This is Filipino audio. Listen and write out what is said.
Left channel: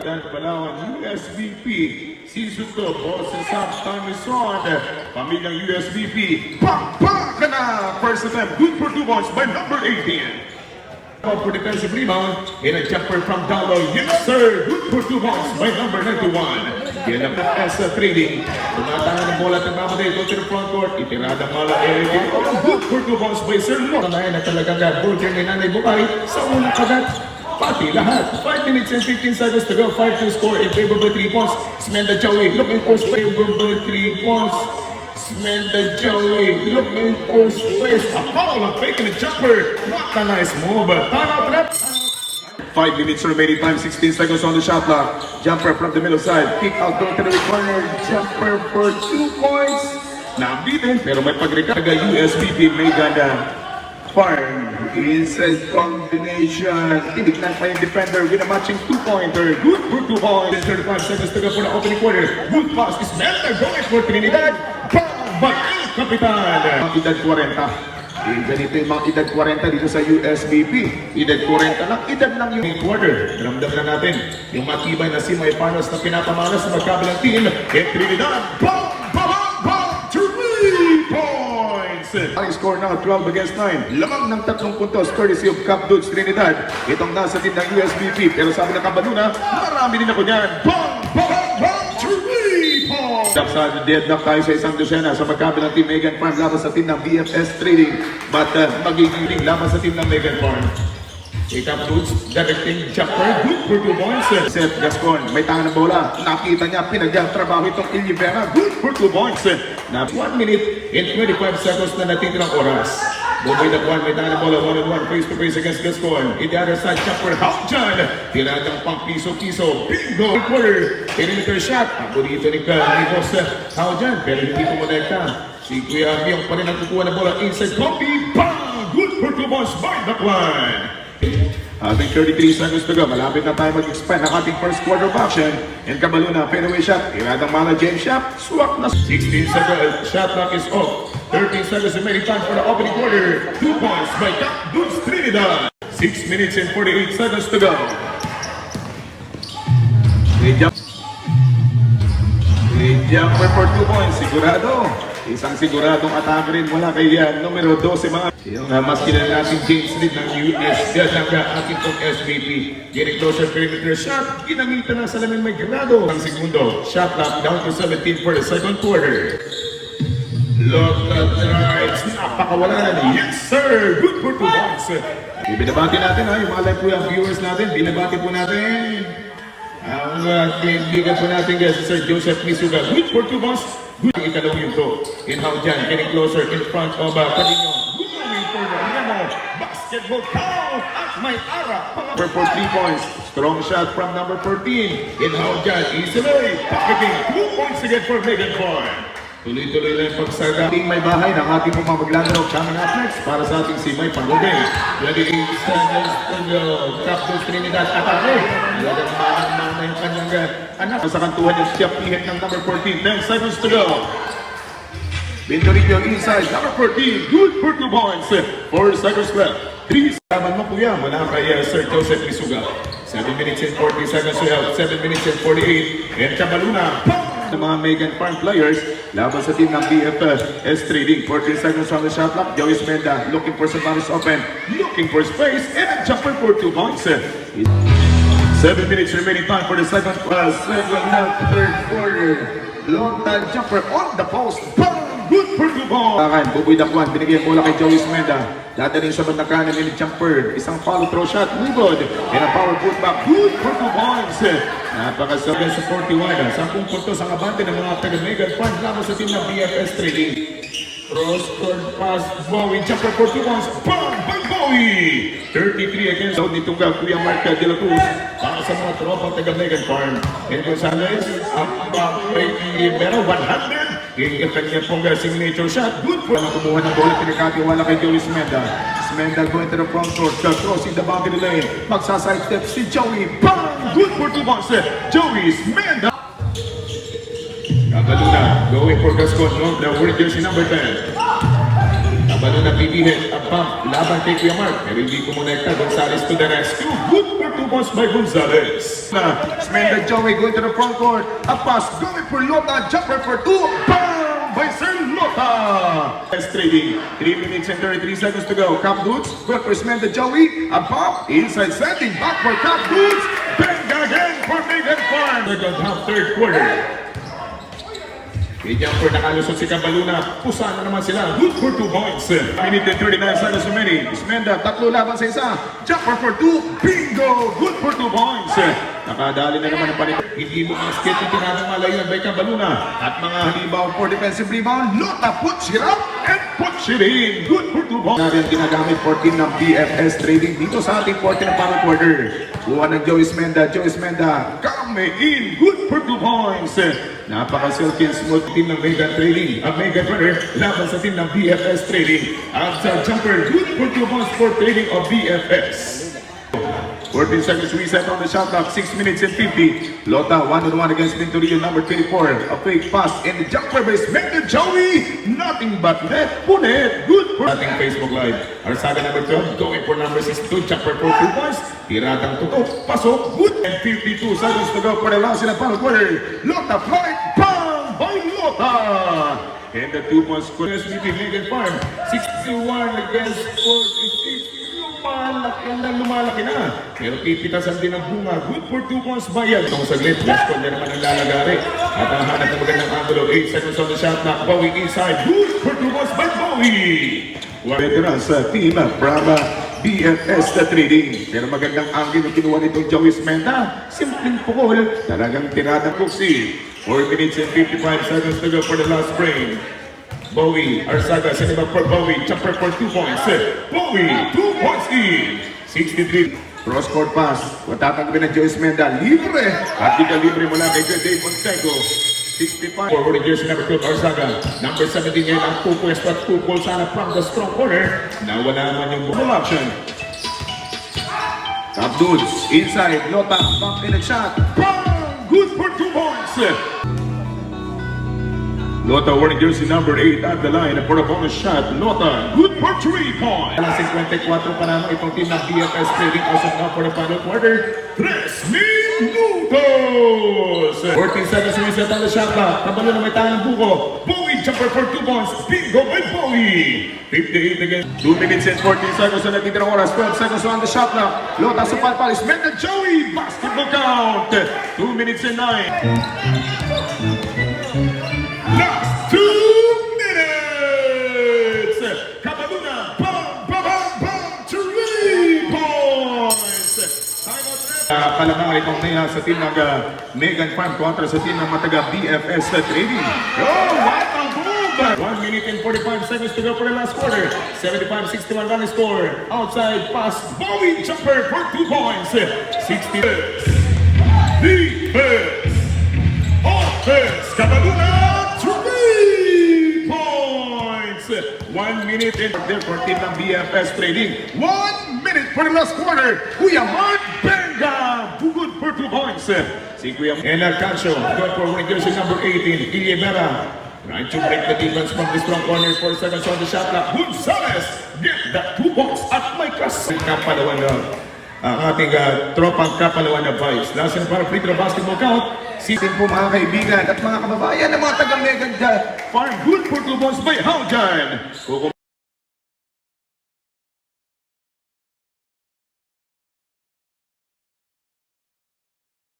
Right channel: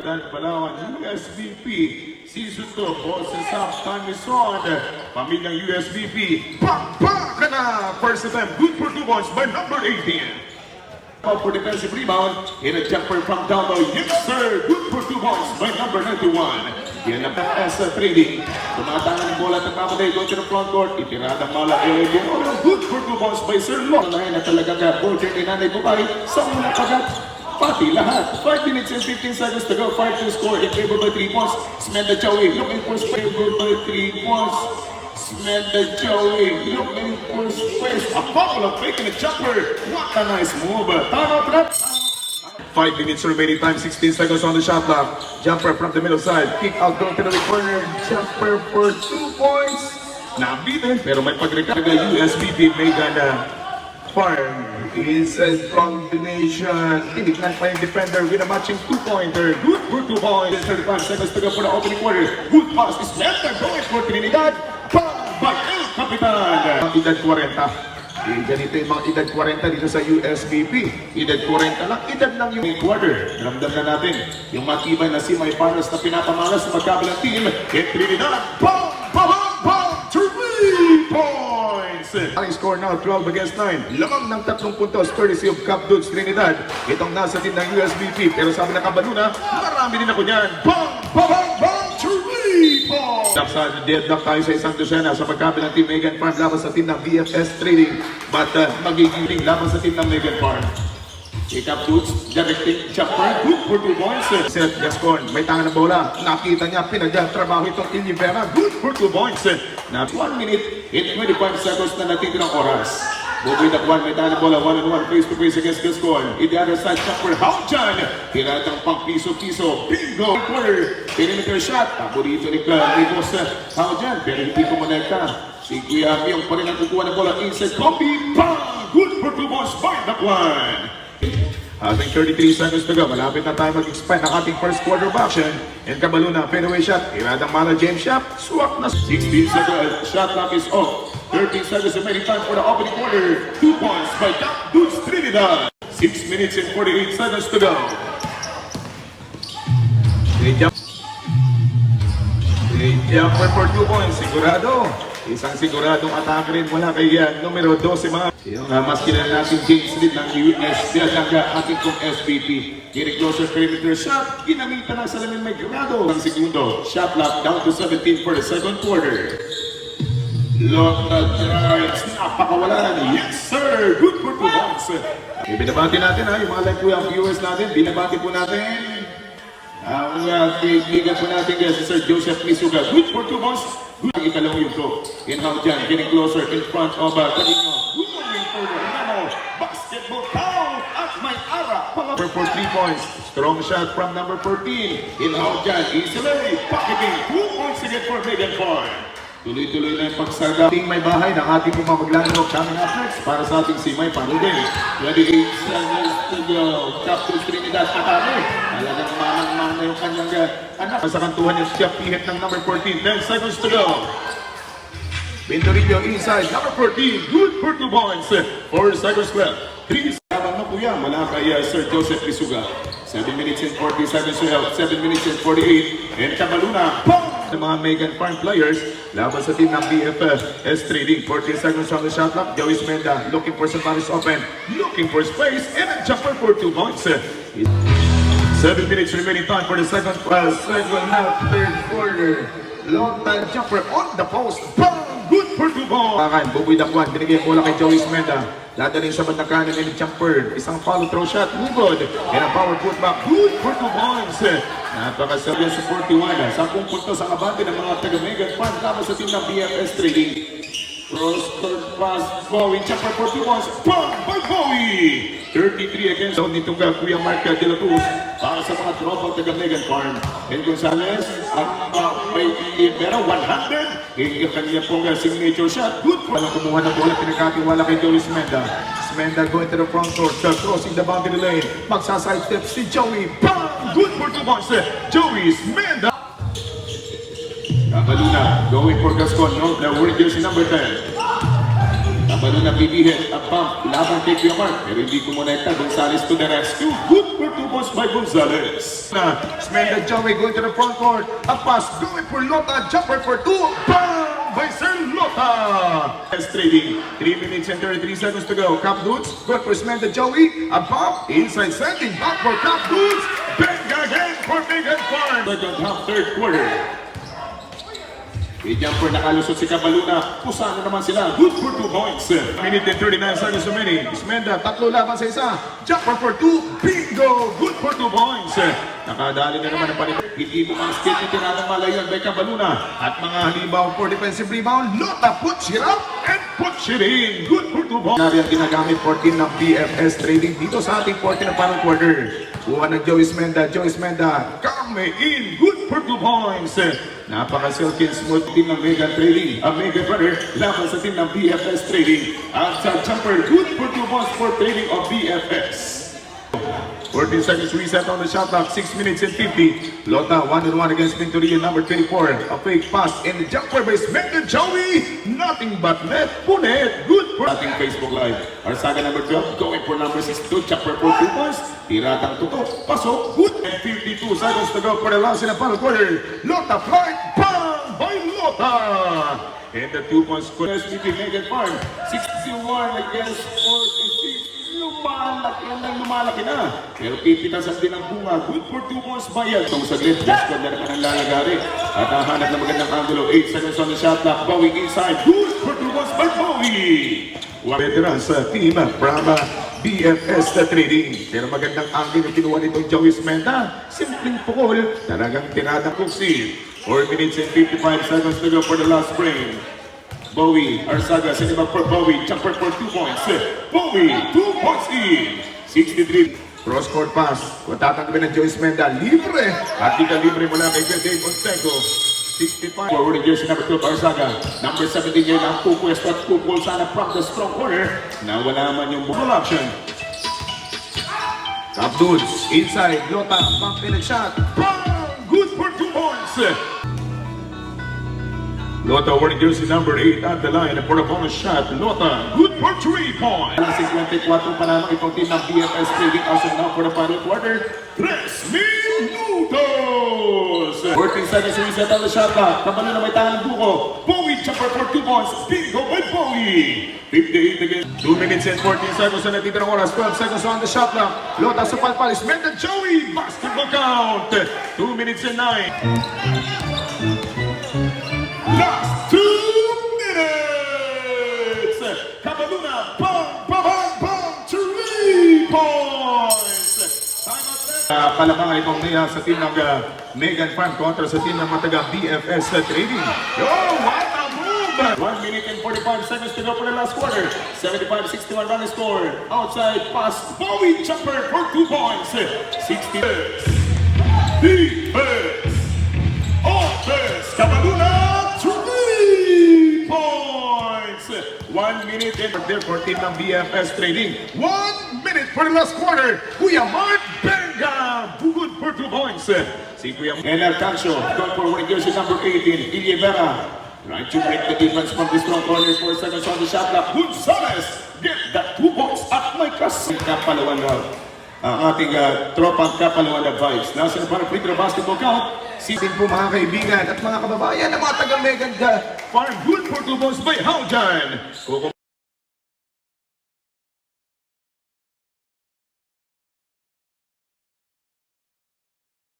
Dan Palawan, USBP, Season 2, Boses Up, Tanison, Pamilyang USBP, Pang na! First attempt, good for 2 points by number 18. Out for defensive rebound, in a jumper from down low, yes sir, good for 2 points by number 91. Yan ang sa trading. Tumatangan ng bola ng Ramade, go to the front court, itinadang mala, good for 2 points by Sir Lo. Kamayan na talaga ka, Burger ni Nanay Bukay, sa unang kagat. Pati lahat. 5 minutes and 15 seconds to go. 5 to score in favor by 3 points. Smenda Joey looking for favor by 3 points. Smenda Joey looking for space. Apollo faking a jumper. What a nice move. Time 5 minutes remaining time. 16 seconds on the shot clock. Jumper from the middle side. Kick out going to the corner. Jumper for 2 points. Nabitin pero may pag-recover USBP Megan Farm. Inside combination. Tinignan pa yung defender with a matching 2-pointer. Good for 2 points. 35 seconds to go for the opening quarter. Good pass is Melter going for Trinidad. By El Capitan. Edad 40. Ganito yung mga edad 40 dito sa USBP. Edad 40 lang. Edad lang yung quarter. Ramdam na natin yung matibay na semi-finals na pinapamalas sa magkabilang team. In Trinidad. Bang! 3 points! Ang score now 12 against 9. Lamang ng 3 puntos courtesy of Cap Dudes Trinidad. Itong nasa team ng USBP. Pero sabi ng Kabaluna, marami din ako niyan. Bang! 3 points! Sa deadlock tayo sa isang dosena sa magkabilang team Megan Farm laban sa team ng BFS Trading. But magiging laban sa team ng Megan Farm. Cap Dudes directing jumper. Good for 2 points. Seth Gascon, may tangan ng bola. Nakita niya, pinagtrabaho itong Ilivera. Good for 2 points. Na 1 minute and 25 seconds na natitirang oras. Buboy na Juan, may tangan ng bola. 1-on-1 face-to-face against Gascon. In the other side, jumper. Hawk dyan. Tiradang pang piso-piso. Bingo! Quarter. Perimeter shot. Paborito ni Carlos. Hawk dyan. Pero hindi kumonekta. Si Kuya Abiong pa rin ang kukuha ng bola. Inside copy. Bang! Good for 2 points by the line. Having 33 seconds to go, malapit na tayo mag-expand ng ating first quarter of action. And Kabaluna, fadeaway shot, iradang mala James Shop, swak na 16 seconds, shot clock is off. 13 seconds remaining time for the opening quarter. 2 points by Cap Dudes Trinidad. 6 minutes and 48 seconds to go. Jumper for 2 points, sigurado. Isang siguradong atake rin mula kay numero 12 mga. Yung mas kilala natin James Reed ng US. Yan ang ating kong SBP. Getting closer perimeter shot. Ginamitan ng salamin may grado. Ang segundo. Shot clock down to 17 for the second quarter. Look at drives. Napakawalan. Yes sir. Good for 2 points. Binabati natin ha. Yung mga live po yung viewers natin. Binabati po natin. Ang kaibigan po natin guys. Sir Joseph Misuga. Good for 2 points. Good ang ikalawang yun to. Inbound dyan, getting closer in front of Carino. Moving forward, Nemo. Basketball count at may ara. For 3 points. Strong shot from number 14. Inbound dyan, easily. Pocketing 2 points again for Megan Farm. Tuloy-tuloy lang pagsada. Ating may bahay ng ating mga maglalaro coming up next para sa ating si May Pangubing. 28 seconds to go. Captain Trinidad Atake. Alaga naman yung kanyang anak. Sa kantuhan yung siya pihit ng number 14. 10 seconds to go. Pintoricchio inside. Number 14. Good for 2 points. 4 seconds left. 3 seconds mo kuya. Mula kay Sir Joseph Misuga. 7 minutes and 40 seconds left. 7 minutes and 48. And Kabaluna. Ng mga Megan Farm players laban sa team ng BFS Trading. 14 seconds on the shot clock. Joey Smenda looking for some bounce open, looking for space, and a jumper for 2 points. 7 minutes remaining time for the second half, third quarter. Long time jumper on the post. Bang! Good for 2 points. Buboy Dakwan, binigay bola kay Joey Smenda. Dadaling sa bandang kanan ng jumper. Isang follow throw shot, no good. And a power putback, good for 2 points. Napakasagyan sa 41. 10 puntos ang abante ng mga taga-Megan Farm laban sa team ng BFS Trading. Cross-court pass, Bowie, jumper for 2 points. Bang! Bang Bowie! 33 against zone nitong Kuya Mark De La Cruz para sa mga tropang taga-Megan Farm. And Gonzalez, ang may Libero, 100. Yung kanya pong signature shot, good for kumuha ng bola, pinakatiwala kay Joey Smenda. Smenda going to the front court, crossing the boundary lane. Magsaside step si Joey. Bang! Good for 2 points. Joey Smenda. Kabaluna going for Gascon, no? The word jersey number 10. Balon na pipihit. Ang pump. Laban kay Kiamar. Pero hindi kumonekta. Gonzalez to the rescue. Good for 2 points by Gonzalez. Smenda Joey going to the front court. A pass going for Lota. Jumper for 2. Bang! By Sir Lota. Yes, trading. 3 minutes and 33 seconds to go. Cap Dudes. Good for Smenda Joey. A pump. Inside sending. Back for Cap Dudes. Bang again for Megan Farm. Second half, third quarter. Kay Jumper nakalusot si Cabaluna. Pusa na naman sila. Good for 2 points. Minute and 39 seconds remaining. Smenda, tatlo laban sa isa. Jumper for 2. Bingo! Good for 2 points. Nakadali na naman ang panito. Hindi mo ang skate yung tinanong malayon by Cabaluna. At mga halibaw for defensive rebound. Lota puts it up and puts it in. Good for 2 points. Nabi ang ginagamit 14 ng BFS Trading dito sa ating 14 na parang quarter. Buwan ng Joey Smenda. Joey Smenda. Come in. Good for 2 points. Napaka-silky and smooth team ng Mega Trading. Ang Mega Runner laban sa team ng BFS Trading. At sa jumper, good for 2 points for trading of BFS. 14 seconds reset on the shot clock, 6 minutes and 50. Lota 1-on-1 against Pinturillo, number 24. A fake pass in the jumper by Smenda Joey. Nothing but net. Punit. Good for ating Facebook Live. Arsaga number 12 going for number 62. Jumper for 2 points. Tiratang tutok. Pasok. Good. And 52 seconds to go for the last in the final quarter. Lota flight. Bang! By Lota. And the 2 points score. SVP Megan Farm. 61 against 46. Lumalaki na. Pero pipitasan din ang bunga. Good for 2 points by yan. Itong saglit, just for na naman ang lalagari. At nahanap na magandang angulo. 8 seconds on the shot clock. Bowie inside. Good for 2 points by Bowie. Veteran sa team Brava BFS na trading. Pero magandang angle na kinuha nitong Joey Smenda. Simpleng pukol. Talagang tinadang kuksi. 4 minutes and 55 seconds to go for the last frame. Bowie, Arsaga, send him up for Bowie, jumper for 2 points. Bowie, 2 points in. 63. Cross-court pass. Kung tatanggapin ng Joyce Menda, libre. At di ka libre mula kay Dave Montego. 65. Forward jersey number 12, Arsaga. Number 17 ngayon ang 2 points at 2 goals sana from the strong corner. Nawala naman yung ball action. Top dudes, inside, Lota, pump in a shot. Bang! Good for 2 points. Lota wearing jersey number 8 at the line for a bonus shot. Lota, good for 3 points. 54 pa naman itong team ng BFS Trading also now for the final quarter. 3 minutos! 14 seconds reset on the shot clock. Kabalo na may tangang buko. Bowie jumper for 2 points. Bingo by Bowie. 58 again. 2 minutes and 14 seconds na natitirang oras. 12 seconds on the shot clock. Lota sa palpalis. Menda Joey. Basketball count. 2 minutes and 9. Last 2 minutes! Cabaluna, bang, bang, bang, 3 points! Palakang itong niya sa team ng Megan Farm kontra sa team ng mataga BFS Trading. Oh, what a move! 1 minute and 45 seconds to go for the last quarter. 75-61 running score. Outside pass, Bowie jumper for 2 points. 60. Defense! Offense! Cabaluna! 1 minute and there for team ng BFS Trading. 1 minute for the last quarter. Kuya Mark Benga. Good for 2 points. Si Kuya and Arcancio. Good for winning jersey number 18. Ilibera. Trying to break the defense from the strong corner. 4 seconds on the shot clock. Gonzalez. Get that 2 points at may kasi. Kapalawan lang. Ang ating tropang Kapalawan na Vice. Nasa para free throw basketball count. Sitin po mga kaibigan at mga kababayan ng mga taga-Megan Farm. Good for 2 points by Haujan.